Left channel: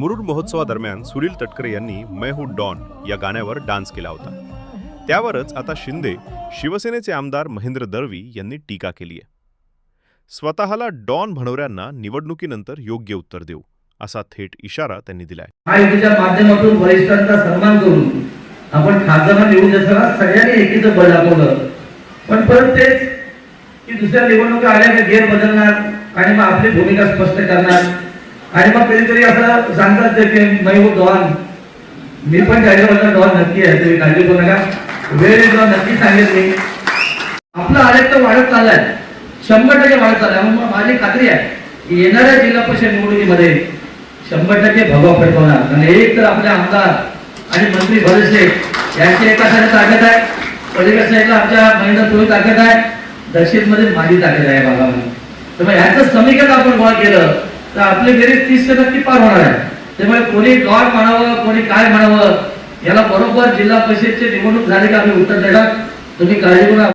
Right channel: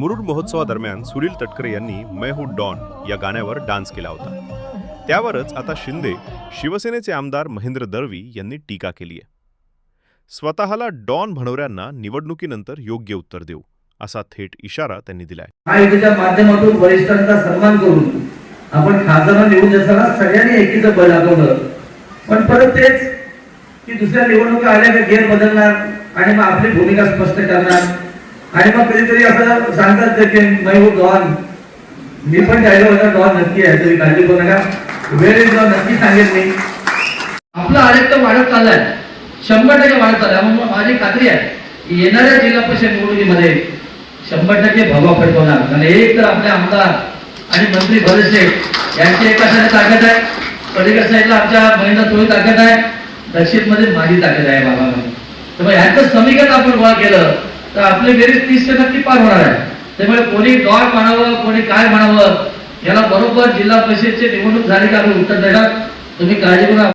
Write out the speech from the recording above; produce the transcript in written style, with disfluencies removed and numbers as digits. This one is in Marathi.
मुरुड महोत्सवादरम्यान सुनील तटकरे यांनी मैं हूं डॉन या गाण्यावर डान्स केला होता. त्यावरच आता शिंदे शिवसेनेचे आमदार महेंद्र दळवी यांनी टीका केली आहे. स्वतःला डॉन म्हणणाऱ्यांना निवडणुकीनंतर योग्य उत्तर देऊ असा थेट इशारा त्यांनी दिलाय. आयोगाच्या माध्यमातून वरिष्ठांचा सन्मान करून आपण खासदार निवडून देताना सगळ्यांनी एकीचं बळ दाखवलं. पण परत तेच की दुसऱ्या निवडणुका आल्या की घेर बदलणार आणि मग आपली भूमिका स्पष्ट करणार आणि मग कधीतरी असं सांगतात की नाही हो डॉन, मी पण जाहीर डॉन नक्की आहे, तुम्ही काळजी करू नका, वेळ एकदम नक्की सांगेल मी. आपला आलेख तर वाढत चाललाय, 100% वाढत चाललाय. मग माझी खात्री आहे की येणाऱ्या जिल्हा परिषद निवडणुकीमध्ये 100% भगवा फडकवणार. आणि एक तर आपले आमदार आणि मंत्री भरत शेठ यांची एका साईडला ताकद आहे, पलीकडच्या साईडला आमच्या महेंद्र थोडी ताकद आहे, दक्षिणमध्ये माझी ताकद आहे भागामध्ये. त्यामुळे ह्याचं समीकरण आपण गोळा केलं तर आपले बेरीज 30% पार होणार आहे. त्यामुळे कोणी डॉन म्हणावं कोणी काय म्हणावं, याला बरोबर जिल्हा परिषदची निवडणूक झाली का आम्ही उत्तर देणार. तुम्ही काळजी करू.